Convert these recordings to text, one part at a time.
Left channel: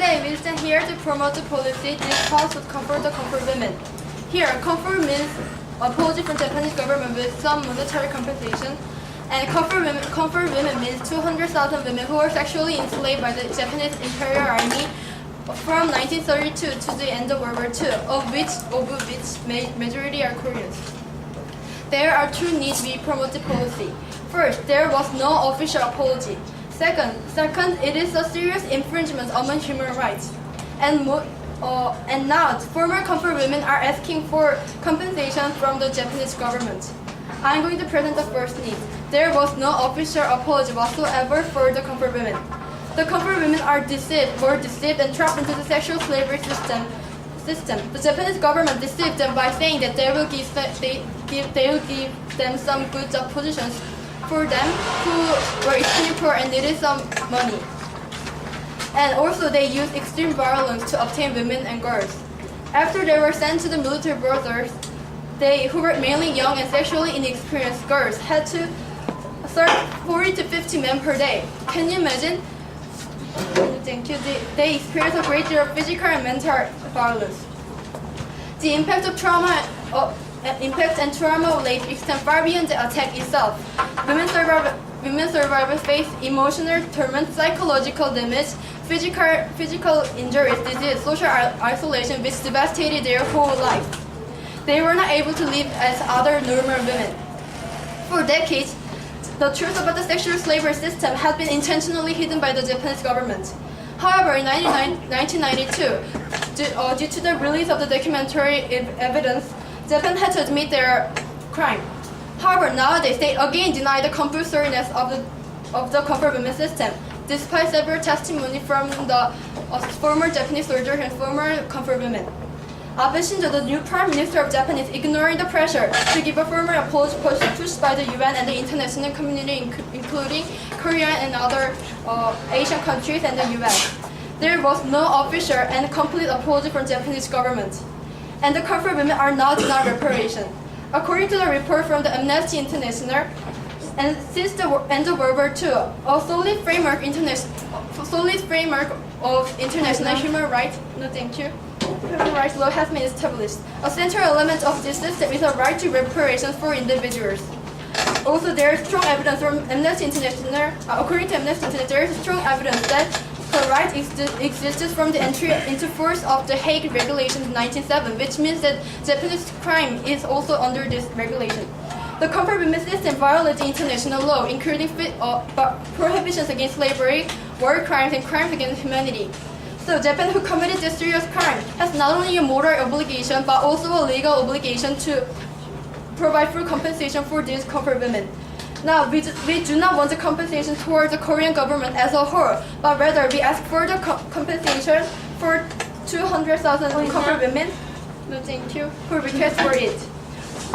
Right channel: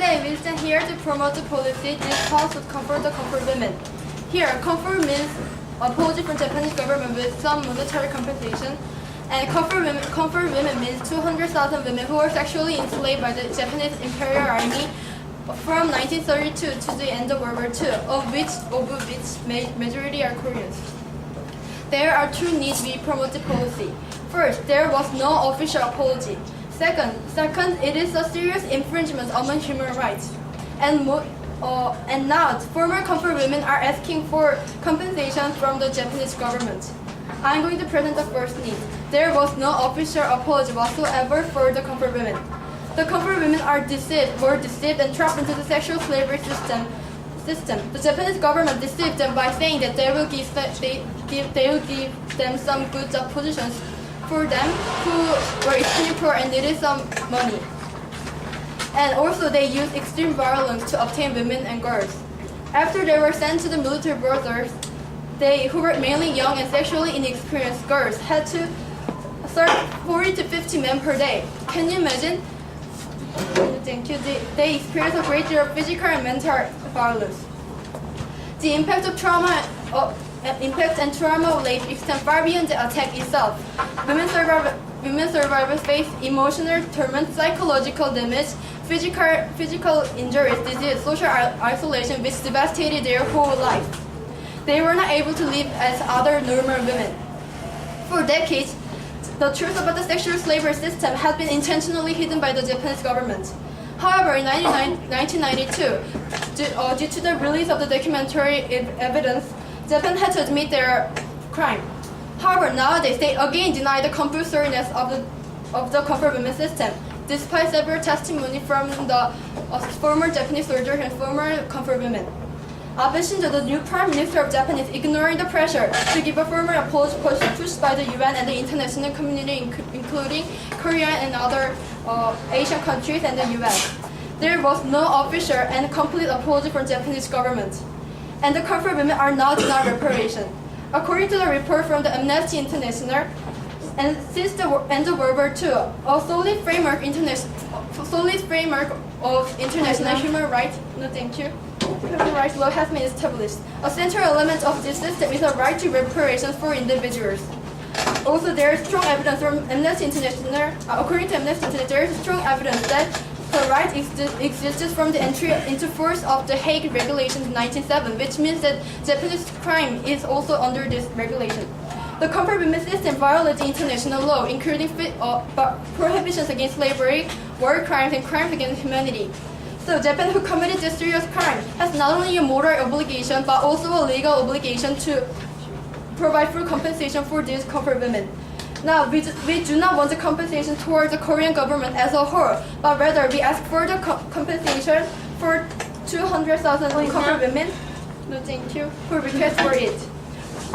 Today we stand here to promote the policy discussed to comfort the comfort women. Here, comfort means apology from Japanese government with some monetary compensation, and comfort women means 200,000 women who were sexually enslaved by the Japanese Imperial Army from 1932 to the end of World War II, of which majority are Koreans. There are two needs we promote the policy. First, there was no official apology. Second, it is a serious infringement on human rights. And now, former comfort women are asking for compensation from the Japanese government. I'm going to present the first need. There was no official apology whatsoever for the comfort women. The comfort women were deceived and trapped into the sexual slavery system. The Japanese government deceived them by saying that they will give them some good job positions for them who were extremely poor and needed some money. And also they used extreme violence to obtain women and girls. After they were sent to the military brothers, they, who were mainly young and sexually inexperienced girls, had to serve 40 to 50 men per day. Can you imagine? They experienced a great deal of physical and mental violence. The impact and trauma rate extend far beyond the attack itself. Women survivors face emotional torment, psychological damage, physical injuries, disease, social isolation, which devastated their whole life. They were not able to live as other normal women. For decades, the truth about the sexual slavery system has been intentionally hidden by the Japanese government. However, in 1992, due to the release of the documentary evidence, Japan had to admit their crime. However, nowadays they again deny the compulsoriness of the comfort women system, despite several testimony from the former Japanese soldiers and former comfort women. Abe Shinzo, the new Prime Minister of Japan, is ignoring the pressure to give a formal apology pushed by the UN and the international community, including Korea and other Asian countries and the US. There was no official and complete apology from Japanese government. And the comfort women are now denied reparation. According to the report from the Amnesty International, and since the end of World War II, a solid framework of international human rights law has been established. A central element of this system is a right to reparations for individuals. Also, there is strong evidence from Amnesty International. According to Amnesty International, there is strong evidence that the right existed from the entry into force of the Hague Regulations in 1907, which means that Japanese crime is also under this regulation. The comfort women system violates international law, including prohibitions against slavery, war crimes, and crimes against humanity. So Japan, who committed this serious crime, has not only a moral obligation but also a legal obligation to provide full compensation for these comfort women. Now, we do not want the compensation towards the Korean government as a whole, but rather we ask for the compensation for 200,000 comfort women. No, thank you. Who request for it.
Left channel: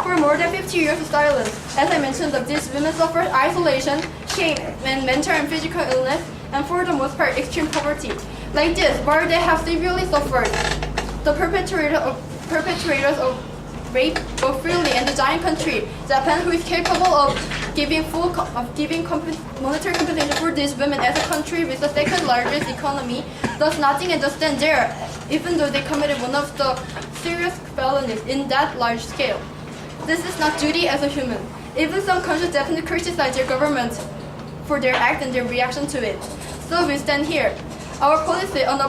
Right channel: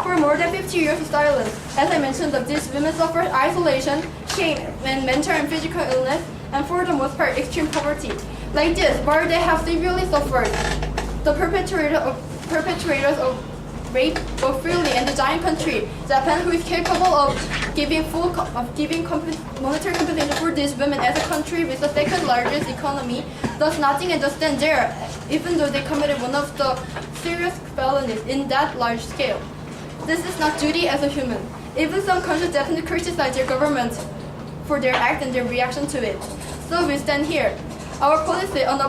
For more than 50 years of silence, as I mentioned, these women suffered isolation, shame, and mental and physical illness, and for the most part, extreme poverty. Like this, while they have severely suffered, the perpetrators of rape go freely, and the giant country, Japan, who is capable of giving monetary compensation for these women as a country with the second largest economy, does nothing and just stand there, even though they committed one of the serious felonies in that large scale. This is not duty as a human. Even some countries definitely criticize their government for their act and their reaction to it. So we stand here. Our policy on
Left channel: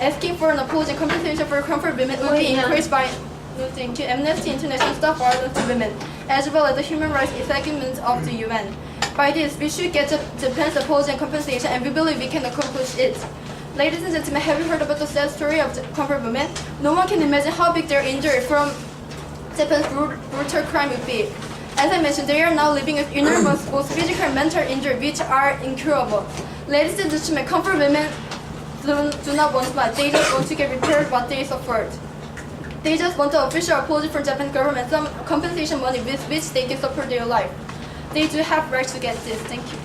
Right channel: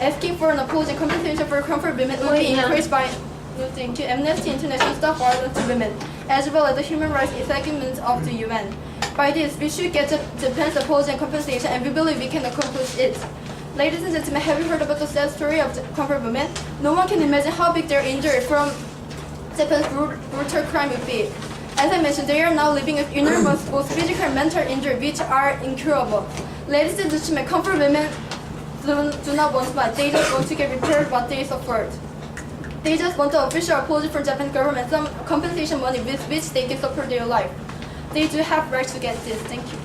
asking for an apology and compensation for comfort women will be increased by to Amnesty International stop violence to women, as well as the human rights segment of the UN. By this, we should get Japan's apology and compensation, and we believe we can accomplish it. Ladies and gentlemen, have you heard about the sad story of the comfort women? No one can imagine how big their injury from Japan's brutal crime would be. As I mentioned, they are now living with enormous both physical and mental injury, which are incurable. Ladies and gentlemen, comfort women do not want much. They just want to get repaired what they suffered. They just want the official apology from Japanese government, some compensation money with which they can support their life. They do have right to get this. Thank you.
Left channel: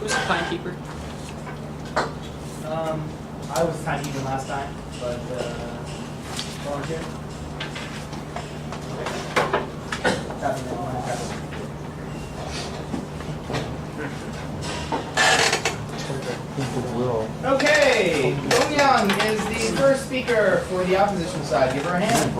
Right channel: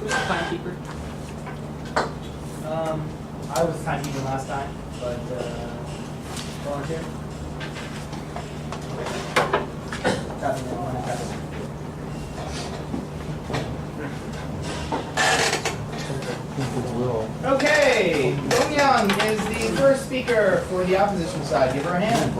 Who's the timekeeper? I was timekeeping last time, but volunteer. Okay, Dong Young is the first speaker for the opposition side. Give her a hand.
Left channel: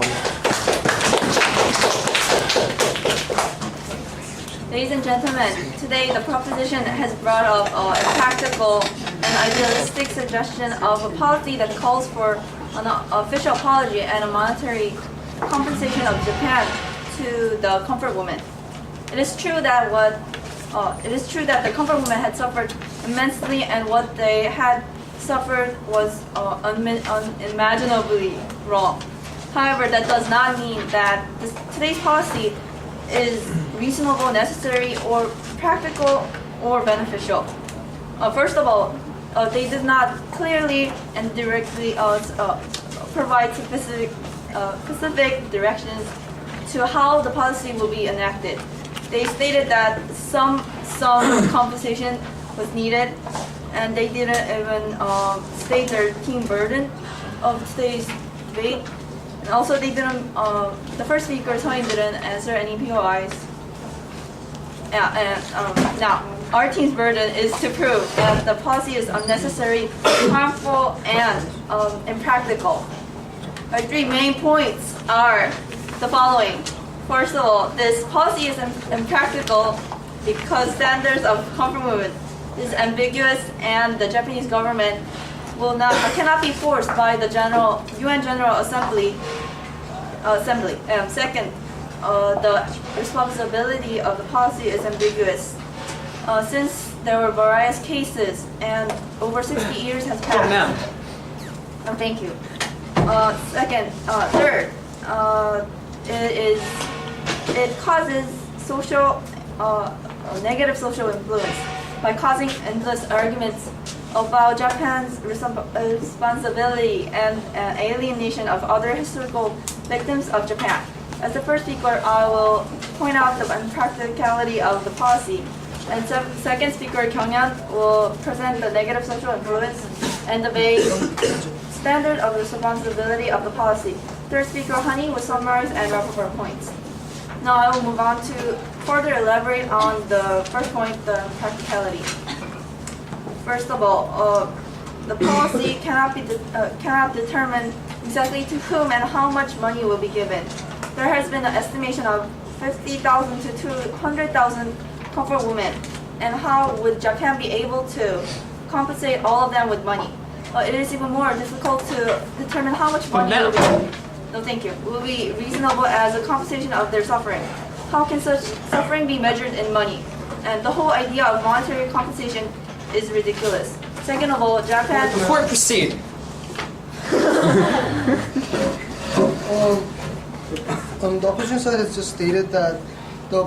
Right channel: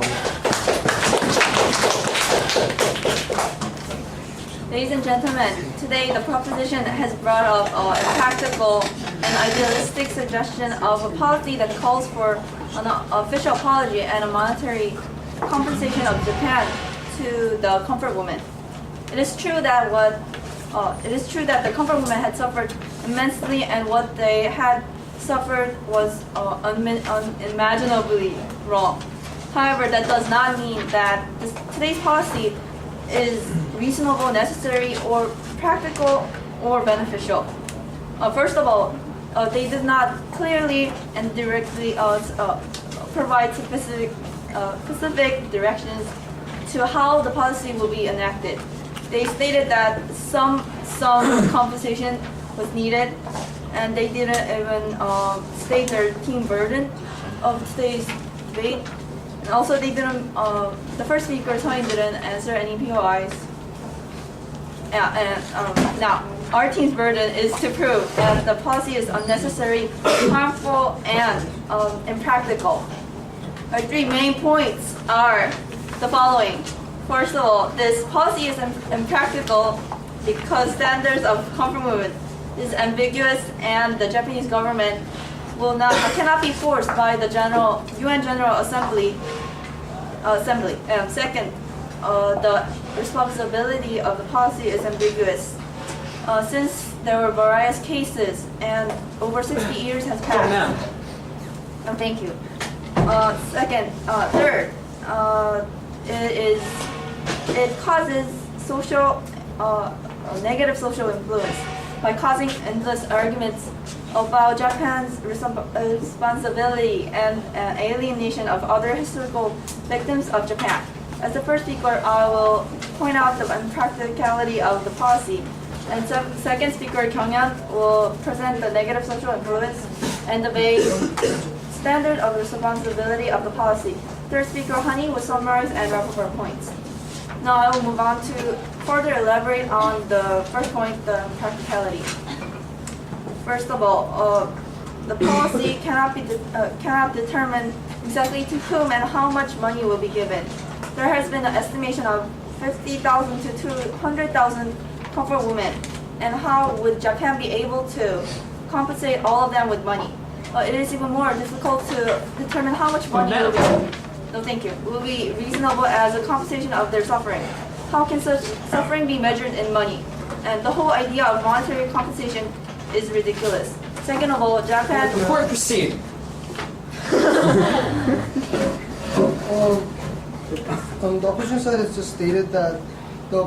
Ladies and gentlemen, today the proposition has brought up a practical and idealistic suggestion of a policy that calls for an official apology and a monetary compensation of Japan to the comfort women. It is true that the comfort women had suffered immensely, and what they had suffered was unimaginably wrong. However, that does not mean that today's policy is reasonable, necessary, or practical, or beneficial. First of all, they did not clearly and directly provide specific directions to how the policy will be enacted. They stated that some compensation was needed, and they didn't even state their team burden of today's debate. And also, they didn't. The first speaker, Tony, didn't answer any POIs. Now, our team's burden is to prove that the policy is unnecessary, harmful, and impractical. Our three main points are the following. First of all, this policy is impractical because standards of comfort movement is ambiguous, and the Japanese government cannot be forced by the UN General Assembly. Second, the responsibility of the policy is ambiguous. Since there were various cases and over 60 years has passed. Oh, thank you. Third, it causes negative social influence by causing endless arguments about Japan's responsibility and alienation of other historical victims of Japan. As the first speaker, I will point out the impracticality of the policy, and second speaker, Kyunghyun, will present the negative social influence and the vague standard of responsibility of the policy. Third speaker, Honey, will summarize and wrap up our points. Now I will move on to further elaborate on the first point, the practicality. First of all, the policy cannot determine exactly to whom and how much money will be given. There has been an estimation of 50,000 to 200,000 comfort women, and how would Japan be able to compensate all of them with money? It is even more difficult to determine how much money will be reasonable as a compensation of their suffering. How can such suffering be measured in money? And the whole idea of monetary compensation is ridiculous. Second of all, Japan... Before we proceed. The opposition side has just stated that the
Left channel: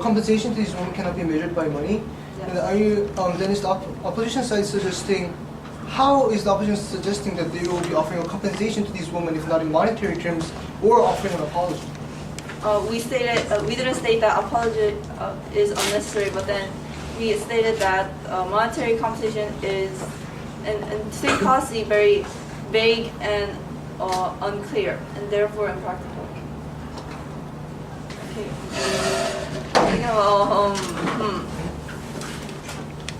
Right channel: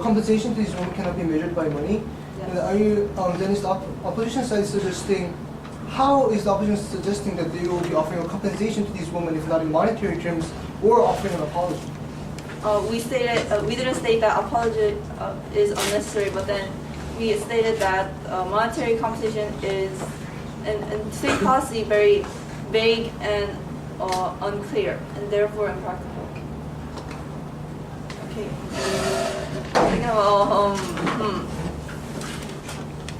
compensation to these women cannot be measured by money. Yes. And then is the opposition side suggesting, how is the opposition suggesting that they will be offering a compensation to these women if not in monetary terms, or offering an apology? We didn't state that apology is unnecessary, but then we stated that monetary compensation is, in state policy, very vague and unclear, and therefore impractical. Okay.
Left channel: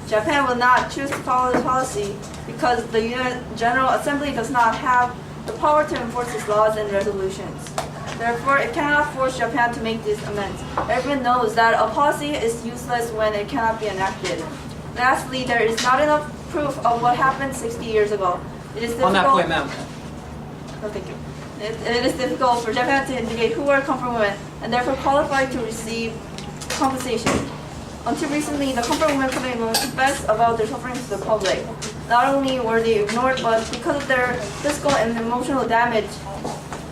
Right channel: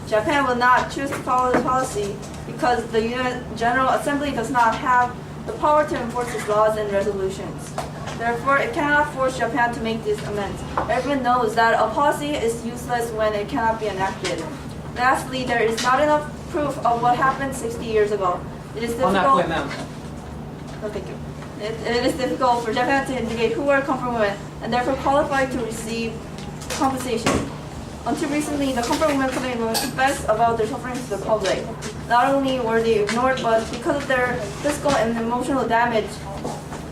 Japan will not choose to follow this policy because the UN General Assembly does not have the power to enforce its laws and resolutions. Therefore, it cannot force Japan to make these amends. Everyone knows that a policy is useless when it cannot be enacted. Lastly, there is not enough proof of what happened 60 years ago. It is difficult. On that point, ma'am. No, thank you. It is difficult for Japan to indicate who are comfort women and therefore qualified to receive compensation. Until recently, the comfort women complained best about their suffering to the public. Not only were they ignored, but because of their physical and emotional damage,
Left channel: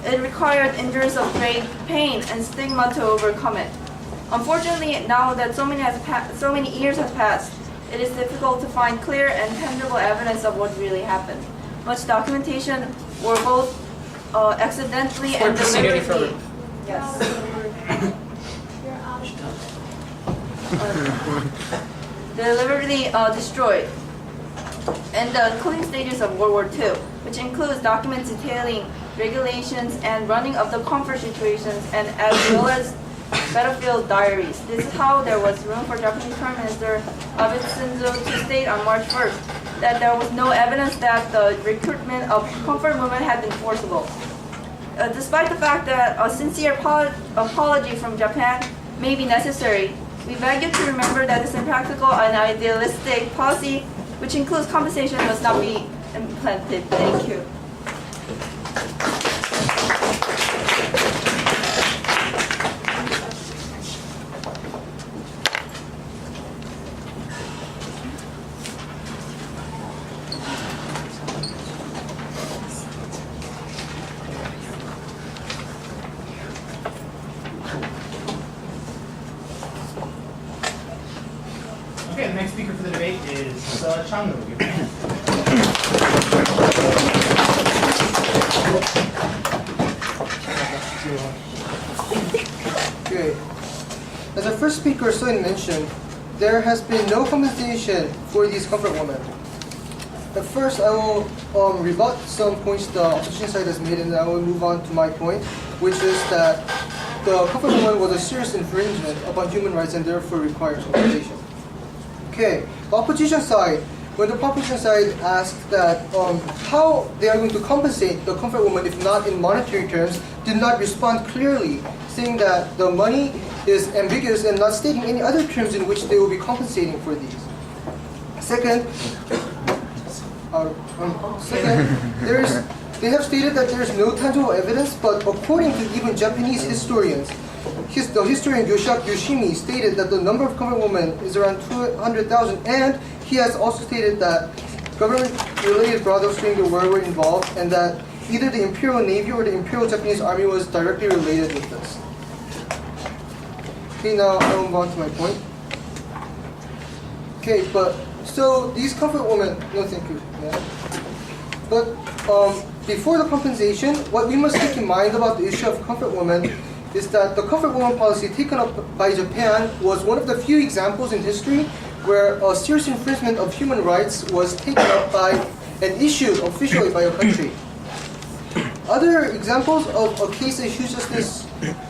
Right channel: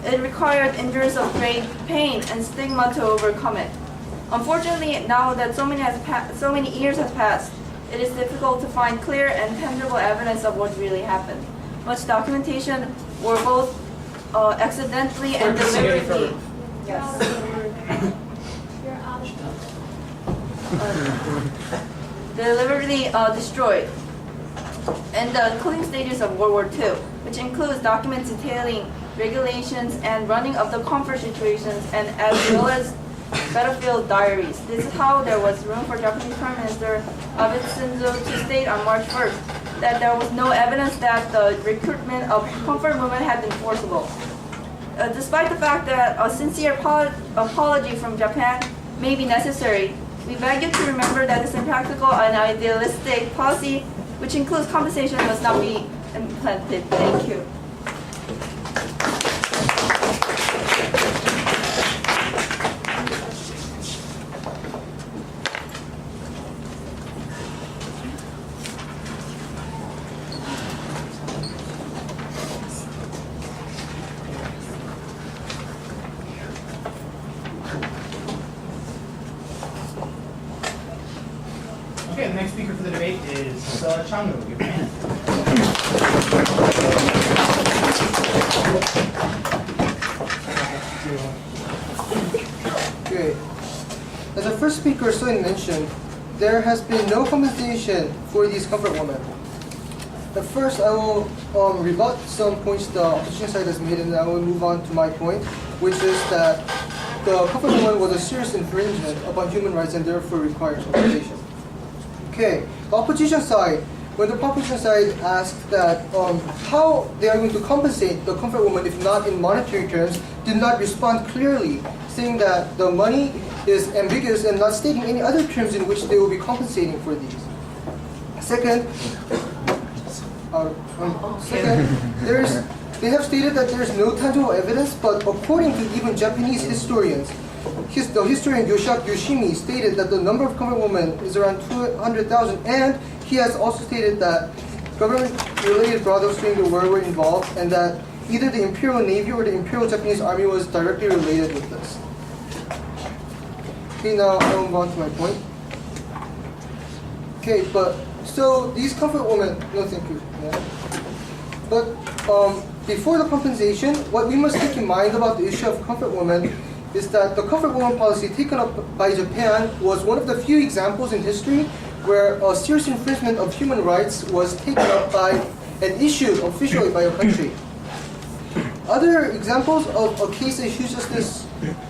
it required endurance of great pain and stigma to overcome it. Unfortunately, now that so many years have passed, it is difficult to find clear and tangible evidence of what really happened. Much documentation were both accidentally and deliberately. Yes. deliberately destroyed in the concluding stages of World War II, which includes documents detailing regulations and running of the comfort situations, and as well as battlefield diaries. This is how there was room for Japanese Prime Minister Abe Shinzo to state on March 1st that there was no evidence that the recruitment of comfort women had been forcible. Despite the fact that a sincere apology from Japan may be necessary, we beg you to remember that this impractical and idealistic policy, which includes compensation, must not be implemented. Thank you. Okay, the next speaker for the debate is Changu. Give your hand. Okay. As the first speaker Soin mentioned, there has been no compensation for these comfort women. At first, I will rebut some points the opposition side has made, and then I will move on to my point, which is that the comfort woman was a serious infringement upon human rights and therefore requires compensation. Okay, the opposition side, when the opposition side asked that how they are going to compensate the comfort woman if not in monetary terms, did not respond clearly, saying that the money is ambiguous and not stating any other terms in which they will be compensating for these. Second, they have stated that there is no tangible evidence, but according to even Japanese historians, the historian Yoshimi stated that the number of comfort women is around 200,000, and he has also stated that government-related brothels during the war were involved, and that either the Imperial Navy or the Imperial Japanese Army was directly related with this. Okay, now I'll move on to my point. Okay, but so these comfort women, no thank you. Yeah. But before the compensation, what we must keep in mind about the issue of comfort women is that the comfort woman policy taken up by Japan was one of the few examples in history where a serious infringement of human rights was taken up by and issued officially by a country. Other examples of a case that issues just this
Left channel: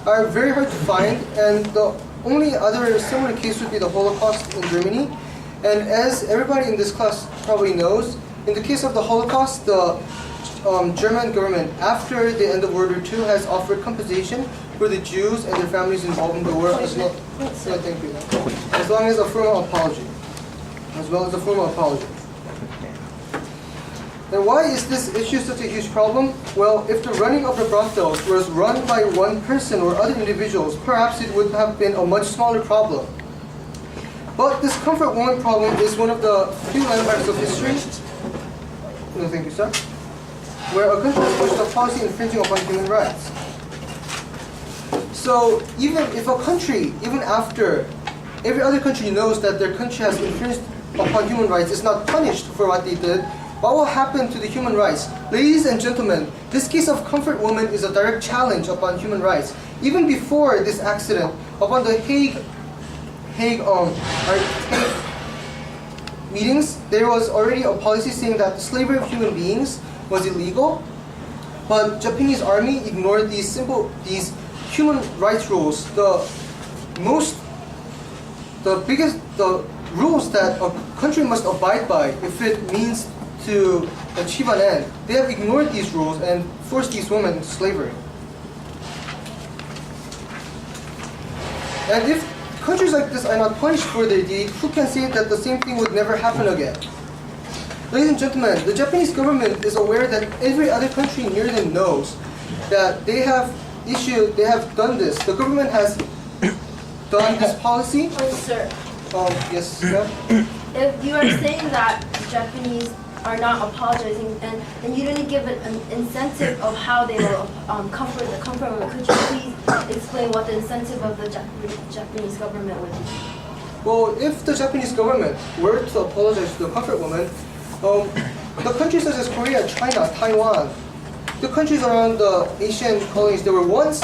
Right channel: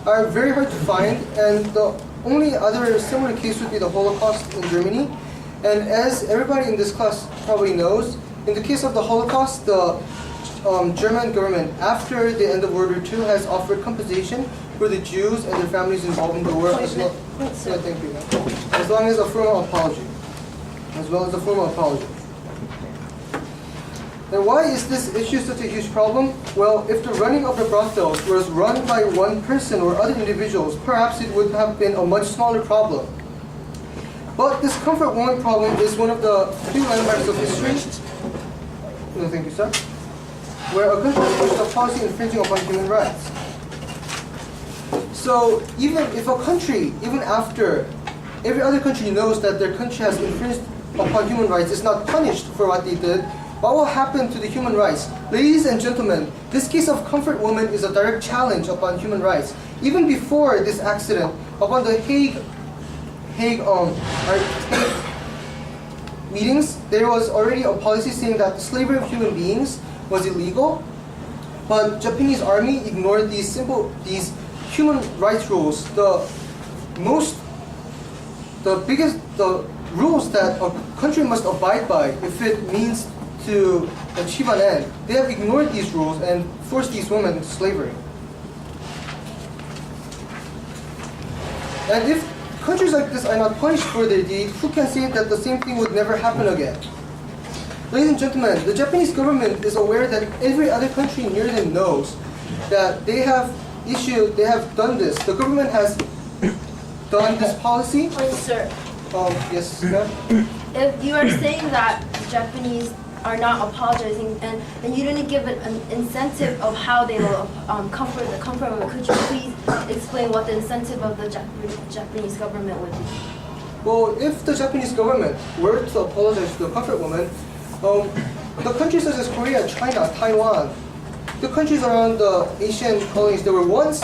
are very hard to find, and the only other similar case would be the Holocaust in Germany. And as everybody in this class probably knows, in the case of the Holocaust, the German government, after the end of World War II, has offered compensation for the Jews and their families involved in the war, as well, thank you, as long as a formal apology, Now, why is this issue such a huge problem? Well, if the running of the brothels was run by one person or other individuals, perhaps it would have been a much smaller problem. But this comfort woman problem is one of the few landmarks of history. No, thank you, sir. Where a country pushed a policy infringing upon human rights. So even if a country, even after every other country knows that their country has infringed upon human rights, is not punished for what they did, what will happen to the human rights? Ladies and gentlemen, this case of comfort woman is a direct challenge upon human rights. Even before this accident, upon the Hague meetings, there was already a policy saying that the slavery of human beings was illegal, but Japanese army ignored these human rights rules. The rules that a country must abide by if it means to achieve an end. They have ignored these rules and forced these women into slavery. And if countries like this are not punished for their deed, who can say that the same thing would never happen again? Ladies and gentlemen, the Japanese government is aware that every other country near them knows that they have done this. The government has done this policy. Sir, Yes, ma'am? if you are saying that Japanese are not apologizing, and you didn't give an incentive of how they will comfort the comfort women, could you please explain what the incentive of the Japanese government would be? Well, if the Japanese government were to apologize to the comfort woman, the countries such as Korea, China, Taiwan, the countries around the Asian colonies that were once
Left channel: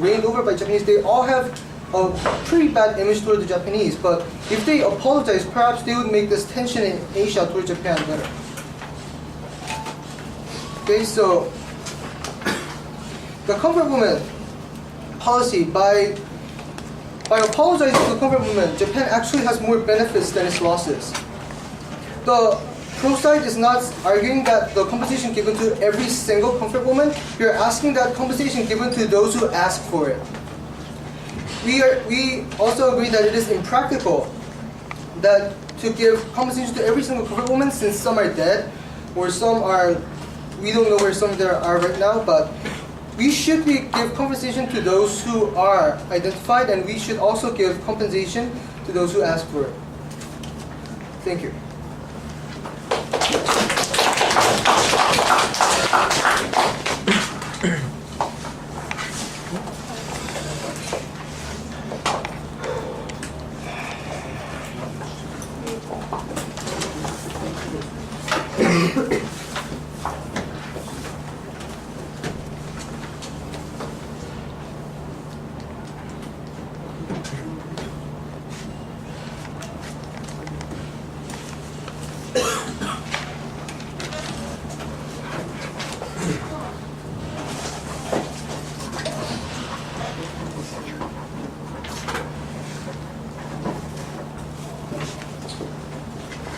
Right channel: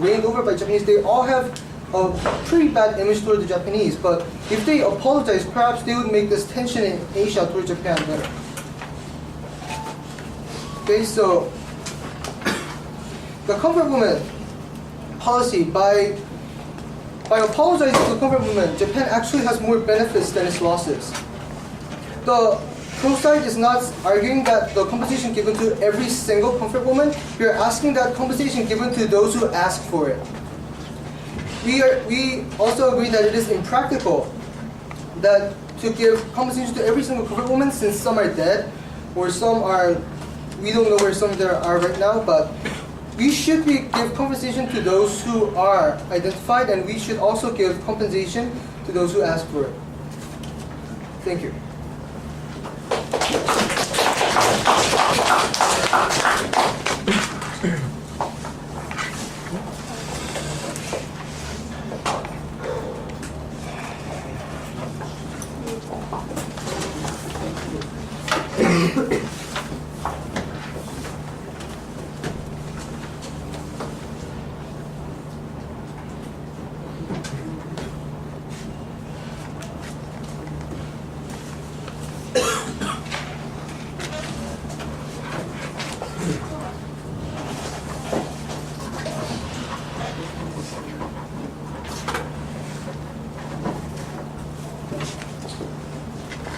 reigned over by Japanese, they all have a pretty bad image toward the Japanese. But if they apologize, perhaps they would make this tension in Asia toward Japan better. Okay, so the comfort woman policy, by apologizing to the comfort woman, Japan actually has more benefits than its losses. The pro side is not arguing that the compensation given to every single comfort woman. You're asking that compensation given to those who ask for it. We also agree that it is impractical that to give compensation to every single comfort woman, since some are dead, or some are, we don't know where some of them are right now, but we should give compensation to those who are identified, and we should also give compensation to those who ask for it. Thank you.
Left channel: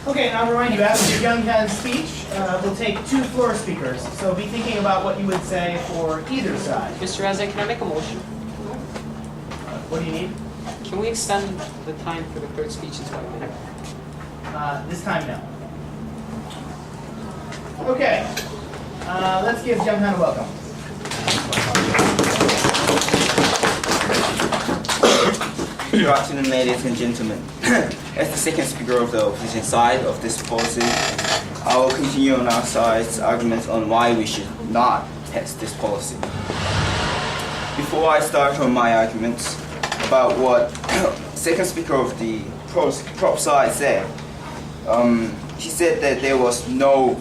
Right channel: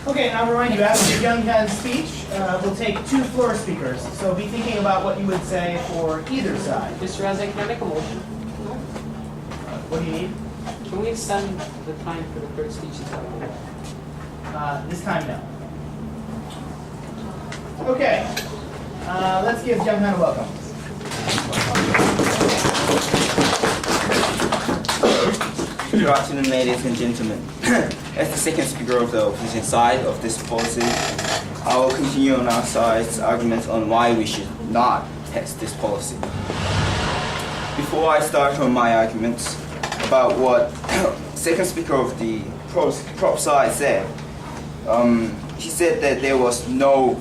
Okay, and I'll remind you, after Younghan's speech, we'll take 2 floor speakers. So be thinking about what you would say for either side. Mr. Reznick, can I make a motion? What do you need? Can we extend the time for the third speech to 5 minutes? This time, no. Okay, let's give Younghan a welcome. Good afternoon, ladies and gentlemen. As the second speaker of the opposition side of this policy, I will continue on our side's arguments on why we should not pass this policy. Before I start on my arguments about what second speaker of the prop side said, he said that there was no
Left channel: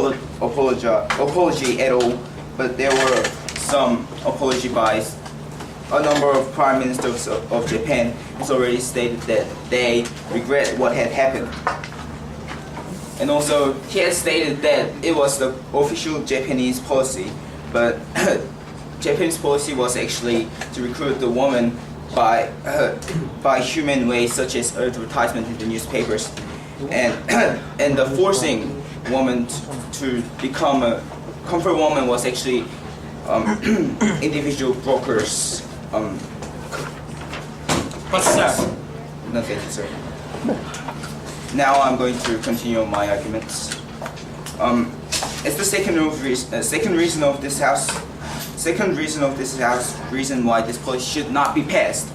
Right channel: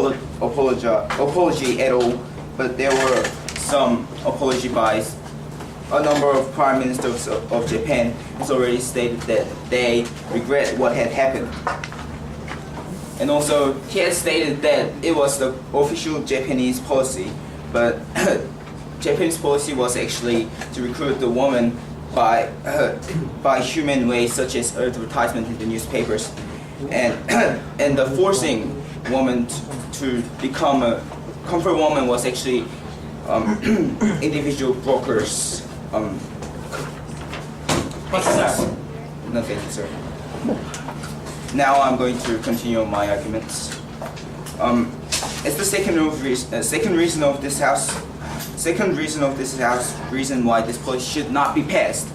apology at all, but there were some apology by a number of prime ministers of Japan. Has already stated that they regret what had happened. And also, he has stated that it was the official Japanese policy, but Japanese policy was actually to recruit the woman by human ways, such as advertisement in the newspapers, and the forcing woman to become a comfort woman was actually individual brokers. No, thank you, sir. Now I'm going to continue my arguments. It's the second reason of this house reason why this policy should not be passed.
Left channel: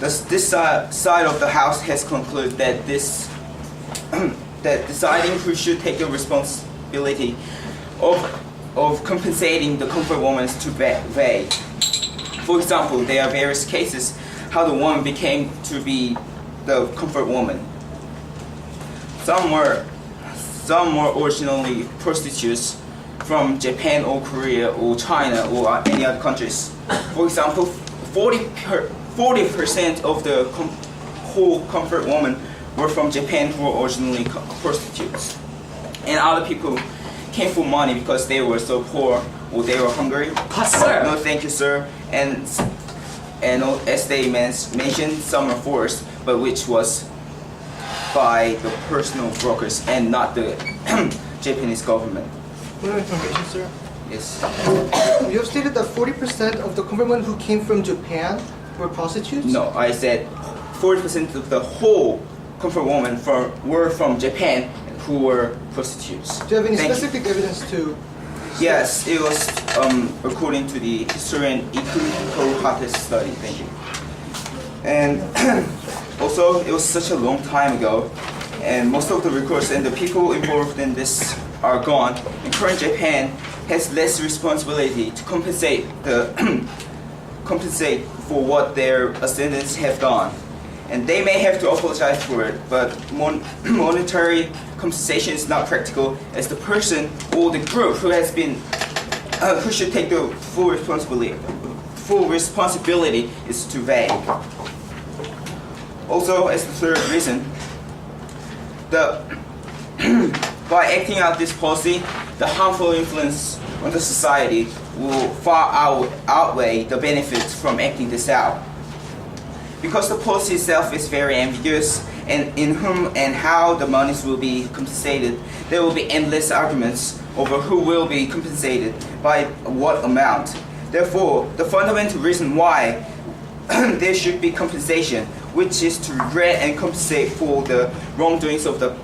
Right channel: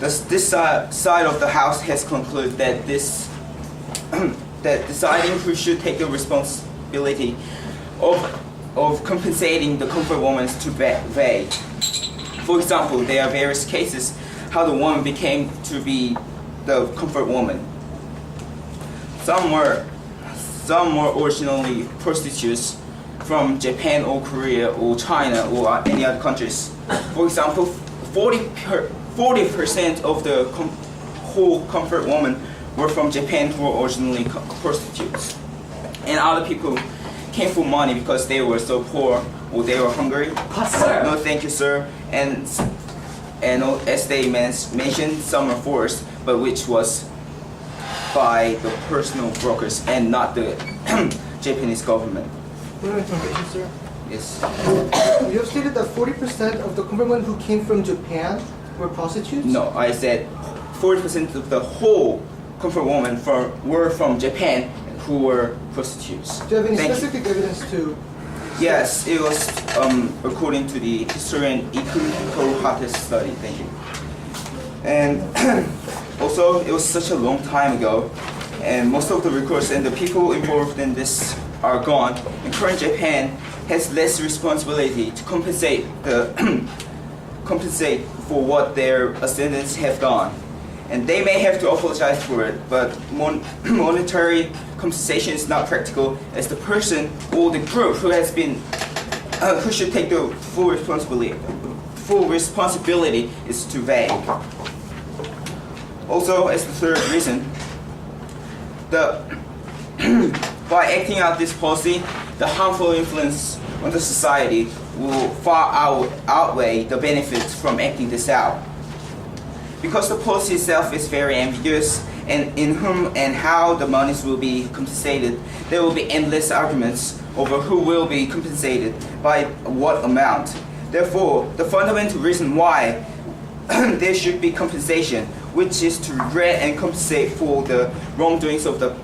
This side of the house has concluded that that deciding who should take the responsibility of compensating the comfort women to vary. For example, there are various cases how the woman became to be the comfort woman. Some were originally prostitutes from Japan or Korea or China or any other countries. For example, 40% of the whole comfort women were from Japan who were originally prostitutes. And other people came for money because they were so poor or they were hungry. No, thank you, sir. And as they mentioned, some are forced, but which was by the personal brokers and not the Japanese government. More information, sir. Yes. You have stated that 40% of the comfort women who came from Japan were prostitutes? No, I said 40% of the whole comfort women were from Japan who were prostitutes. Do you have any Thank you. specific evidence to? Yes, it was according to the historian Ikuko Hata's study. Thank you. And also, it was such a long time ago, and most of the records and the people involved in this are gone. And current Japan has less responsibility to compensate for what their ascendants have done. And they may have to apologize for it, but monetary compensation is not practical, as the person or the group who has been who should take the full full responsibility is too vague. Also, as the third reason, by acting out this policy, the harmful influence on the society will far outweigh the benefits from acting this out. Because the policy itself is very ambiguous, and in whom and how the monies will be compensated, there will be endless arguments over who will be compensated by what amount. Therefore, the fundamental reason why there should be compensation, which is to regret and compensate for the wrongdoings of the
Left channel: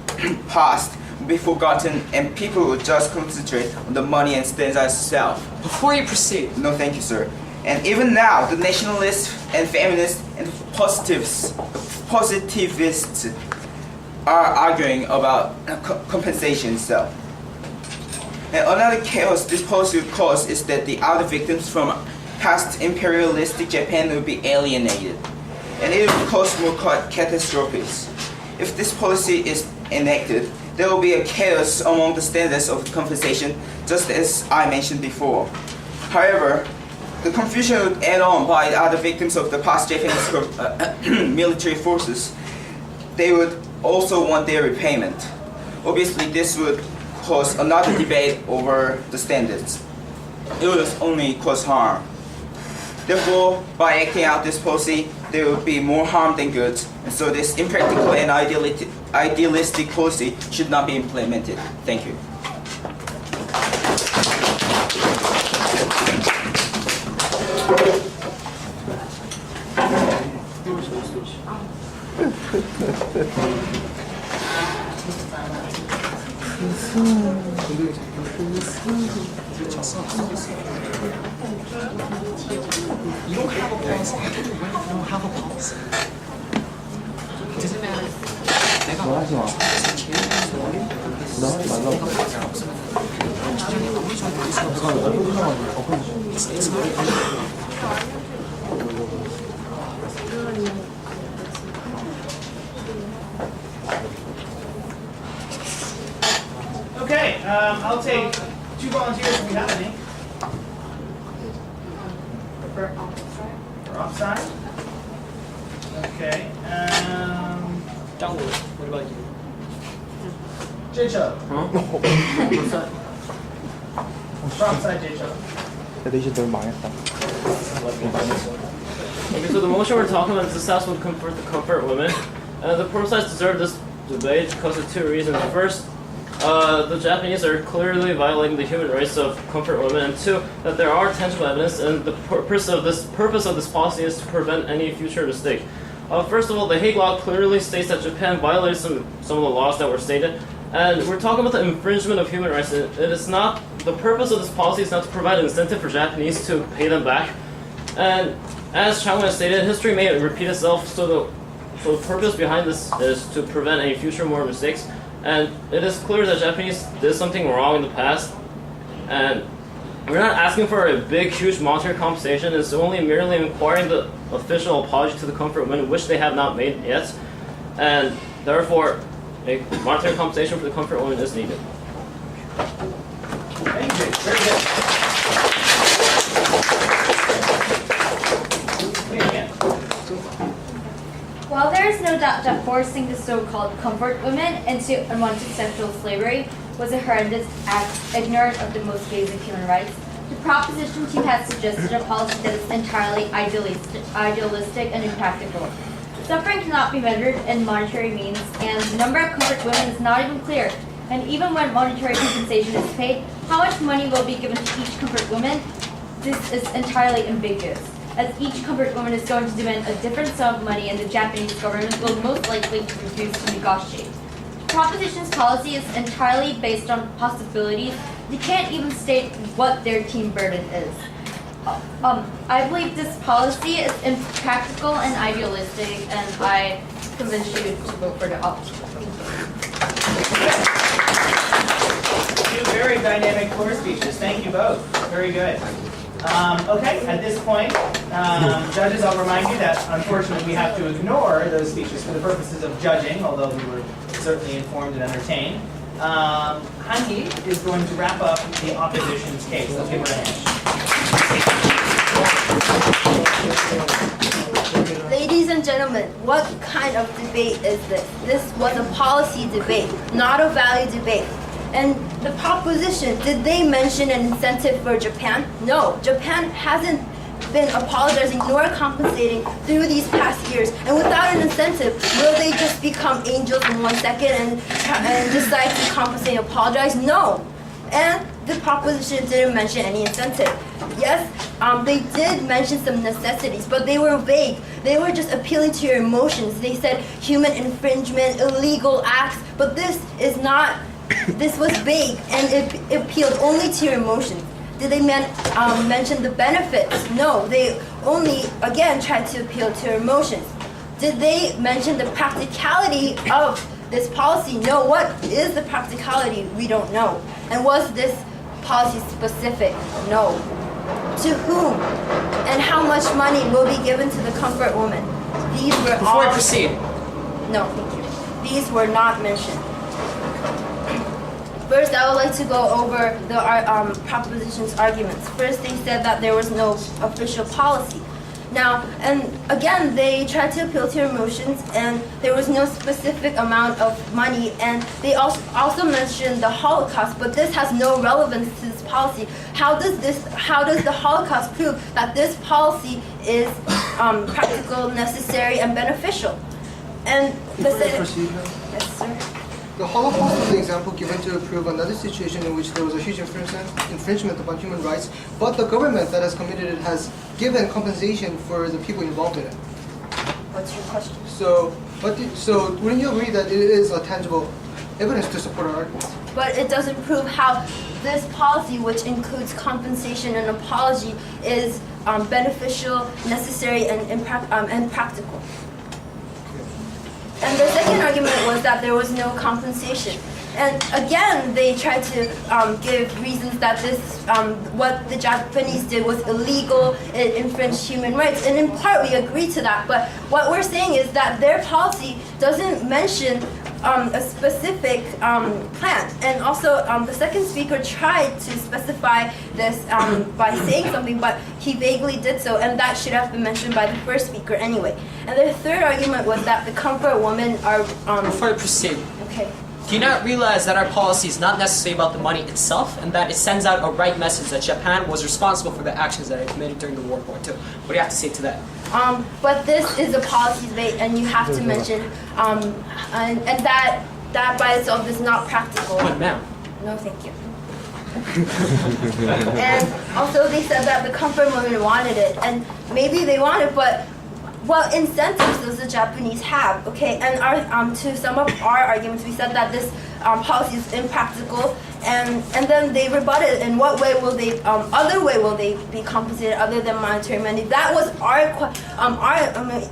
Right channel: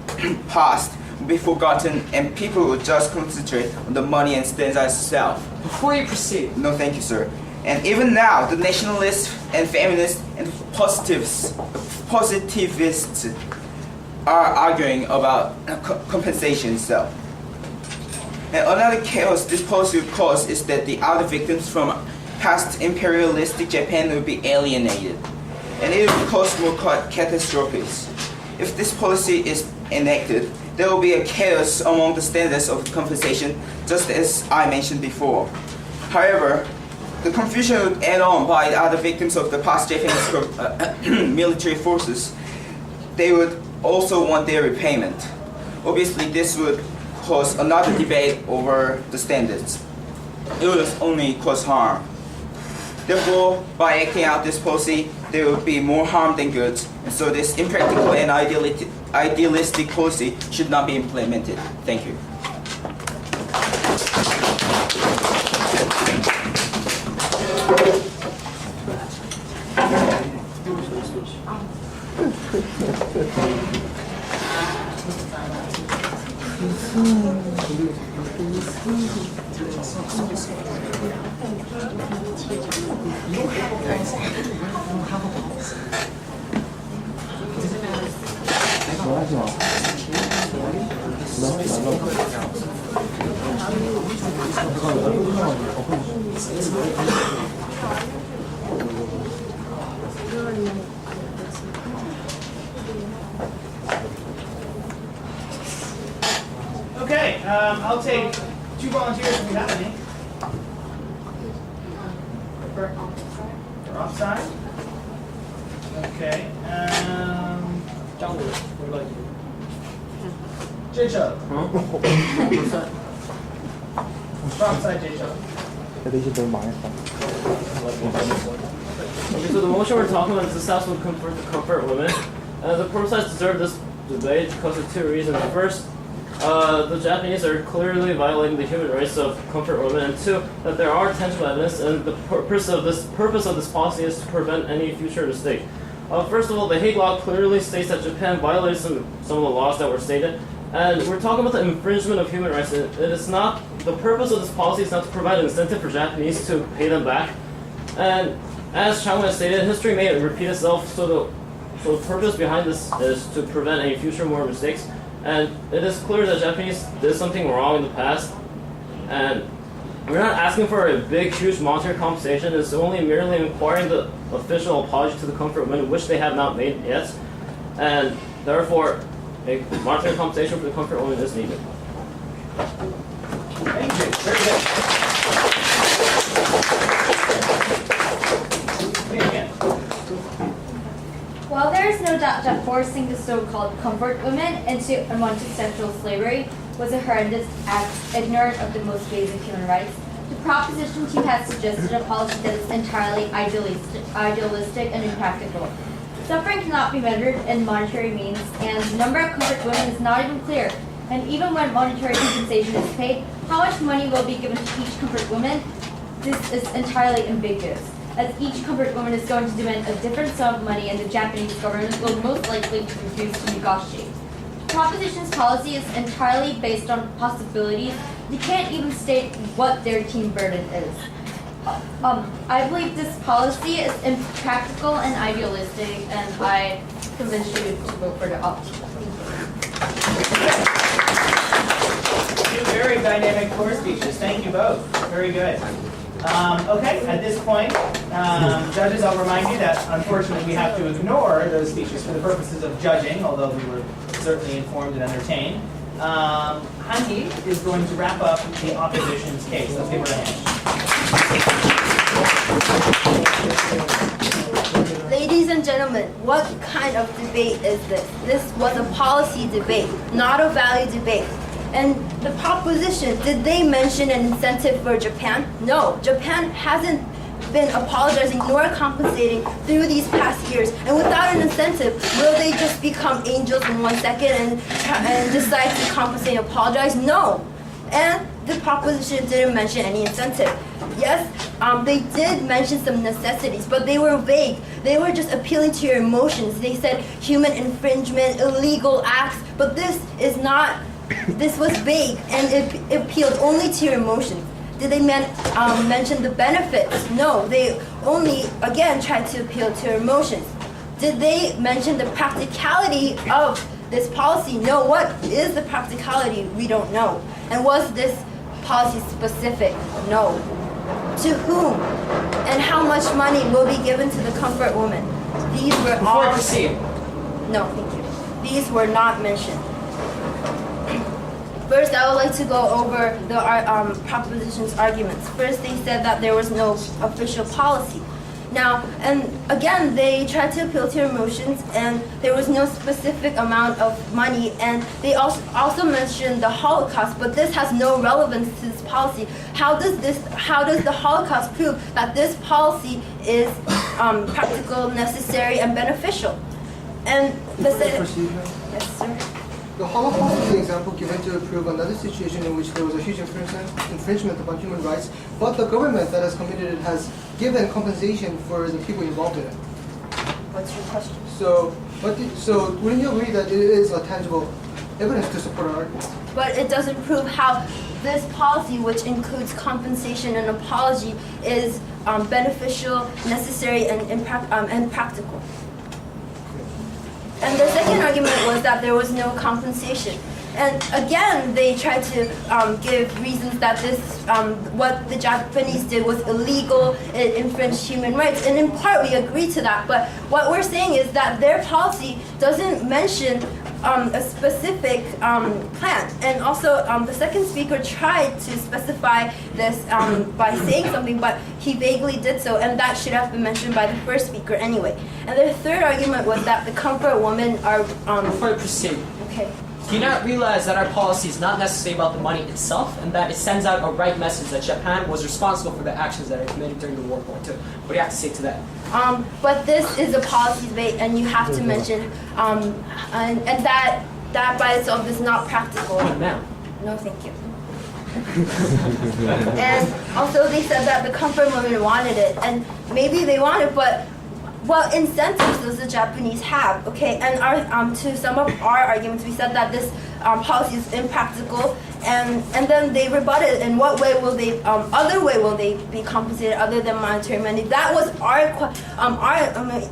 past, will be forgotten, and people will just concentrate on the money and standards itself. Before you proceed, No, thank you, sir. And even now, the nationalists and feminists and positivists are arguing about compensation itself. And another chaos this policy would cause is that the other victims from past imperialistic Japan will be alienated, and it will cause more catastrophes. If this policy is enacted, there will be a chaos among the standards of compensation, just as I mentioned before. However, the confusion would add on by the other victims of the past Japanese military forces. They would also want their repayment. Obviously, this would cause another debate over the standards. It would only cause harm. Therefore, by acting out this policy, there would be more harm than good, and so this impractical and idealistic policy should not be implemented. Thank you. you don't have a policy. You don't have a policy. It doesn't matter. Okay, I'll take 2 volunteers if you have any. For offside? Okay, Daewon, what about you? J-Chub. For offside, J-Chub. Okay, so the motion we're talking about is this house would comfort the comfort women. The protests deserve this debate because of 2 reasons. First, the Japanese are clearly violating the human rights of comfort women, and 2, that there are tangible evidence, and the purpose of this policy is to prevent any future mistake. First of all, the Hague Law clearly states that Japan violates some of the laws that were stated, and we're talking about the infringement of human rights. It is not, the purpose of this policy is not to provide an incentive for Japanese to pay them back. And as Changwon has stated, history may repeat itself, so the purpose behind this is to prevent any future more mistakes. And it is clear that Japanese did something wrong in the past, and we're not asking for a big, huge monetary compensation. It's only merely inquiring the official apology to the comfort women, which they have not made yet, and therefore a monetary compensation for the comfort women is needed. Thank you. Very good. Please again. While there is no doubt that forcing the so-called comfort women into unwanted sexual slavery was a horrendous act ignorant of the most basic human rights, the proposition team has suggested a policy that is entirely idealistic and impractical. Suffering cannot be measured in monetary means, and the number of comfort women is not even clear. And even when monetary compensation is paid, how much money will be given to each comfort woman? This is entirely ambiguous, as each comfort woman is going to demand a different sum of money, and the Japanese government will most likely refuse to negotiate. The proposition's policy is entirely based on possibilities. They can't even state what their team burden is. I believe this policy is impractical and idealistic, and I convince you to vote for the option. 2 very dynamic floor speeches. Thank you both. Very good. Okay, at this point, judges, I'll remind you that unfortunately we have to ignore those speeches for the purposes of judging, although we were certainly informed and entertained. Hanki is going to wrap up the opposition's case. Let's give her a hand. Ladies and gentlemen, what kind of debate is this? This was a policy debate, not a value debate. And the proposition, did they mention an incentive for Japan? No, Japan hasn't been apologizing nor compensating through these past years. And without an incentive, will they just become angels in 1 second and decide to compensate and apologize? No. And the proposition didn't mention any incentive. Yes, they did mention some necessities, but they were vague. They were just appealing to your emotions. They said human infringement, illegal acts, but this was vague and it appealed only to your emotions. Did they mention the benefits? No, they only, again, tried to appeal to your emotions. Did they mention the practicality of this policy? No, what is the practicality? We don't know. And was this policy specific? No. To whom? And how much money will be given to the comfort woman? These were Before I proceed, No, thank you. These were not mentioned. First, I would like to go over the proposition's arguments. First, they said that there was no official policy. Now, and again, they tried to appeal to your emotions, and there was no specific amount of money, and they also mentioned the Holocaust, but this has no relevance to this policy. How does the Holocaust prove that this policy is practical, necessary, and beneficial? And the Proceed now. Yes, sir. The Holocaust is an example given to prove another situation in which there was a huge infringement upon human rights, but the government that has committed it has given compensation for the people involved in it. What's your question? So wouldn't you agree that it is a tangible evidence to support our argument? But it doesn't prove how this policy, which includes compensation and apology, is beneficial, necessary, and practical. And the second argument was that there was no compensation. And again, they tried to give reasons that this, what the Japanese did was illegal, it infringed human rights. And in part, we agree to that. But what we're saying is that their policy doesn't mention a specific plan. And also, the second speaker tried to specify this by saying something, but he vaguely did so, and that should have been mentioned by the first speaker anyway. And the third argument was that the comfort women are... before I proceed, Okay. do you not realize that our policy is not necessarily about the money itself, and that it sends out a right message that Japan was responsible for the actions that it committed during the World War II? What do you have to say to that? But this is a policy debate, and you have to mention, and that by itself is not practical. Oh, ma'am. No, thank you. And also they said that the comfort women wanted it, and maybe they want it, but what incentives does the Japanese have? Okay, and to sum up our arguments, we said that this policy is impractical, and then they rebutted. In what way will they? Other way will they be compensated other than monetary money? That was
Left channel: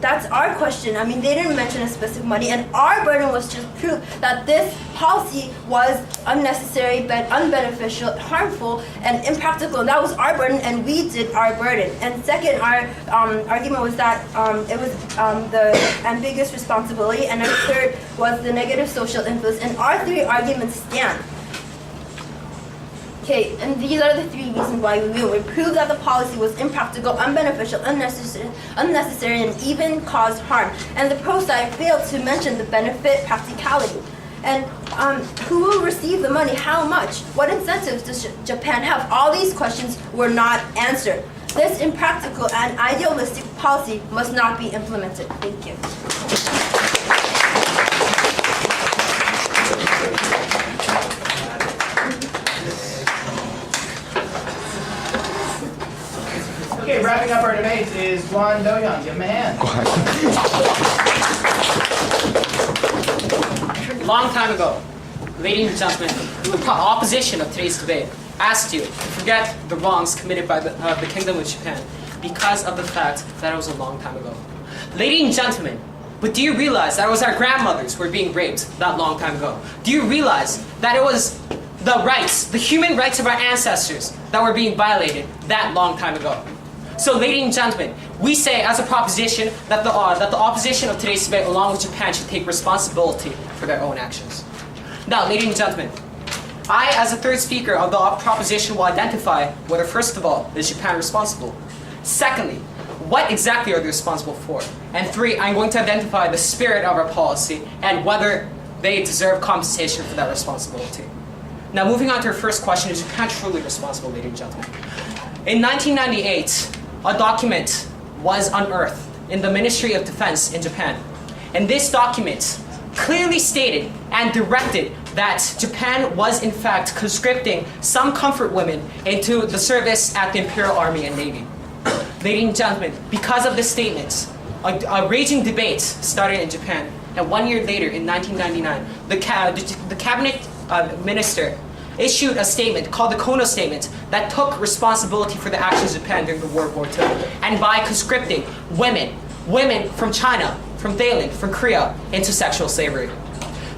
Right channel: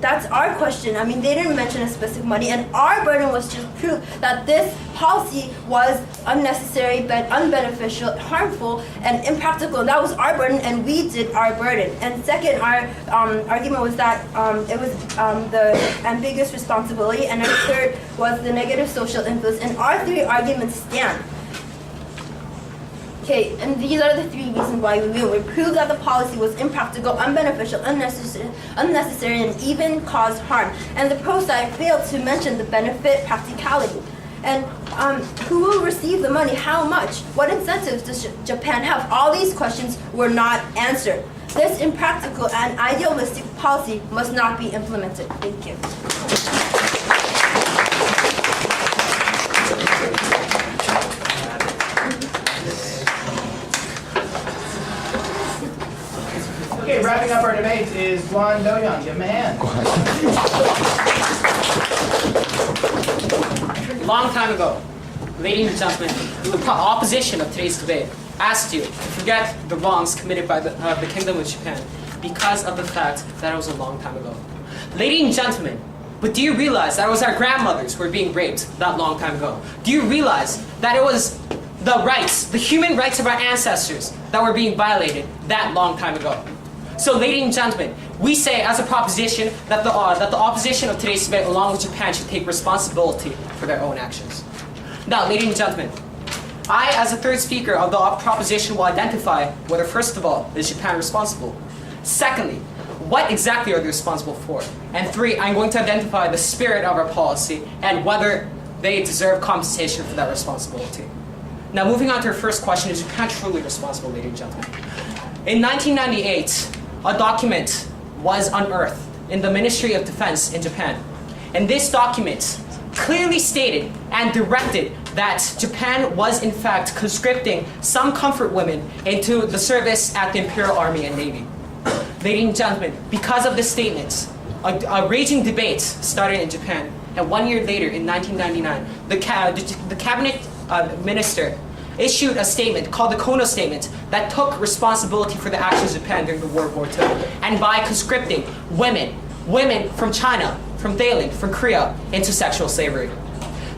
that's our question. I mean, they didn't mention a specific money, and our burden was to prove that this policy was unnecessary, but unbeneficial, harmful, and impractical. And that was our burden, and we did our burden. And second, our argument was that it was the ambiguous responsibility, and our third was the negative social influence. And our three arguments stand. Okay, and these are the three reasons why we will. We proved that the policy was impractical, unbeneficial, unnecessary, and even caused harm. And the pro side failed to mention the benefit practicality. And who will receive the money? How much? What incentives does Japan have? All these questions were not answered. This impractical and idealistic policy must not be implemented. Thank you. Okay, wrapping up our debate is Daewon. Give him a hand. Long time ago, ladies and gentlemen, the opposition of today's debate asked you to forget the wrongs committed by the Kingdom of Japan because of the fact that it was a long time ago. Ladies and gentlemen, but do you realize that it was our grandmothers who were being raped that long time ago? Do you realize that it was the rights, the human rights of our ancestors that were being violated that long time ago? So, ladies and gentlemen, we say as a proposition that the opposition of today's debate, along with Japan, should take responsibility for their own actions. Now, ladies and gentlemen, I, as a third speaker of the proposition, will identify whether, first of all, is Japan responsible. Secondly, what exactly are they responsible for? And 3, I'm going to identify the spirit of our policy and whether they deserve compensation for that responsibility. Now, moving on to our first question, is Japan truly responsible, ladies and gentlemen? In 1998, a document was unearthed in the Ministry of Defense in Japan. And this document clearly stated and directed that Japan was in fact conscripting some comfort women into the service at the Imperial Army and Navy. Ladies and gentlemen, because of this statement, a raging debate started in Japan, and 1 year later, in 1999, the cabinet minister issued a statement called the Kono Statement that took responsibility for the actions of Japan during the World War II, and by conscripting women from China, from Daewon, from Korea, into sexual slavery.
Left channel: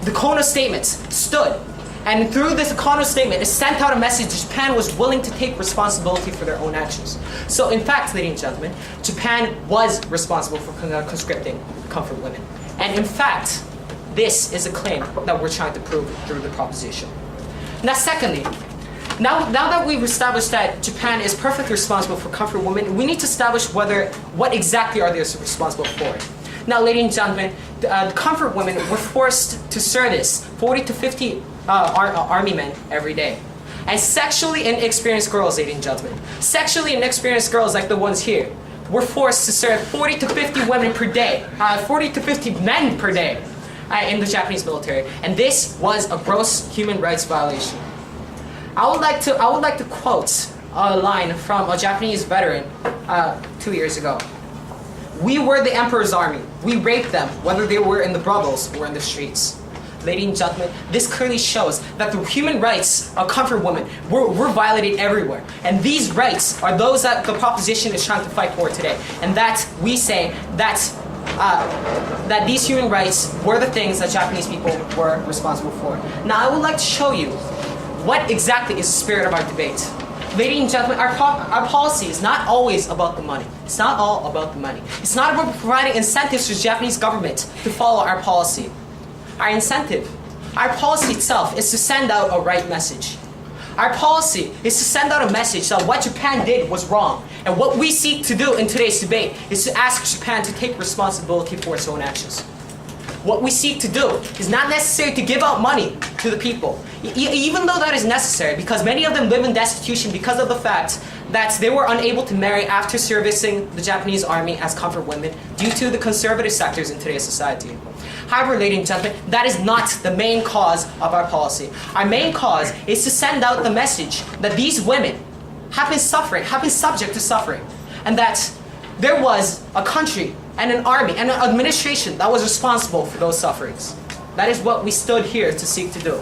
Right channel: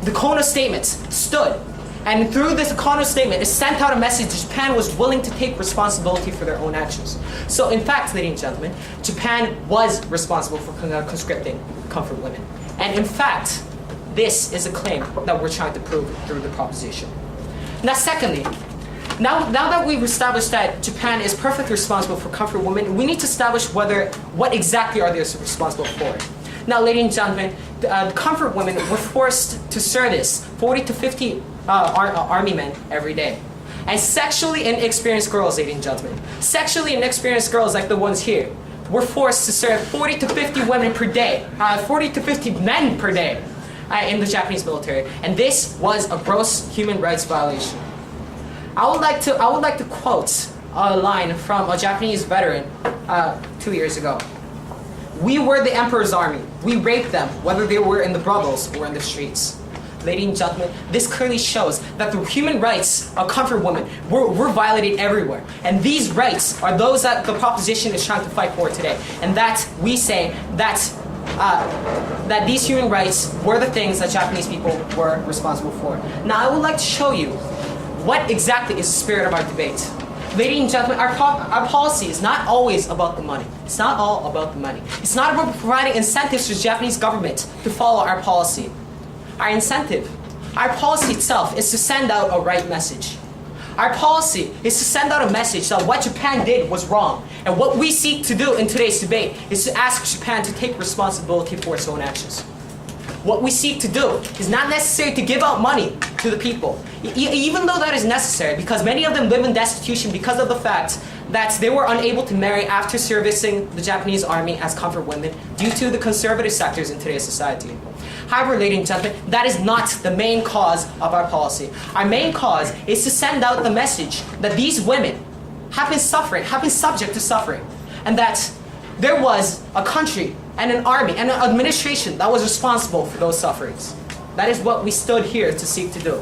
The Kono Statement stood, and through this Kono Statement, it sent out a message that Japan was willing to take responsibility for their own actions. So in fact, ladies and gentlemen, Japan was responsible for conscripting comfort women. And in fact, this is a claim that we're trying to prove through the proposition. Now secondly, now that we've established that Japan is perfectly responsible for comfort women, we need to establish what exactly are they responsible for. Now, ladies and gentlemen, the comfort women were forced to service 40 to 50 army men every day. And sexually inexperienced girls, ladies and gentlemen, sexually inexperienced girls like the ones here, were forced to serve 40 to 50 women per day, 40 to 50 men per day in the Japanese military. And this was a gross human rights violation. I would like to quote a line from a Japanese veteran 2 years ago. "We were the emperor's army. We raped them, whether they were in the brothels or in the streets." Ladies and gentlemen, this clearly shows that the human rights of comfort women were violated everywhere. And these rights are those that the proposition is trying to fight for today. And that we say that these human rights were the things that Japanese people were responsible for. Now, I would like to show you what exactly is the spirit of our debate. Ladies and gentlemen, our policy is not always about the money. It's not all about the money. It's not about providing incentives to the Japanese government to follow our policy. Our incentive, our policy itself, is to send out a right message. Our policy is to send out a message that what Japan did was wrong. And what we seek to do in today's debate is to ask Japan to take responsibility for its own actions. What we seek to do is not necessarily to give out money to the people, even though that is necessary, because many of them live in destitution because of the fact that they were unable to marry after servicing the Japanese army as comfort women due to the conservative sectors in today's society. However, ladies and gentlemen, that is not the main cause of our policy. Our main cause is to send out the message that these women have been subject to suffering, and that there was a country and an army and an administration that was responsible for those sufferings. That is what we stood here to seek to do.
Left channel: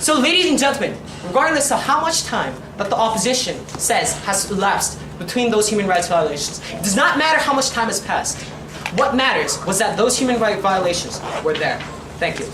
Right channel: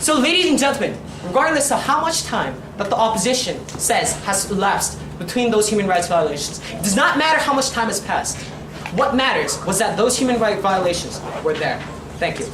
So, ladies and gentlemen, regardless of how much time that the opposition says has elapsed between those human rights violations, it does not matter how much time has passed. What matters was that those human rights violations were there. Thank you.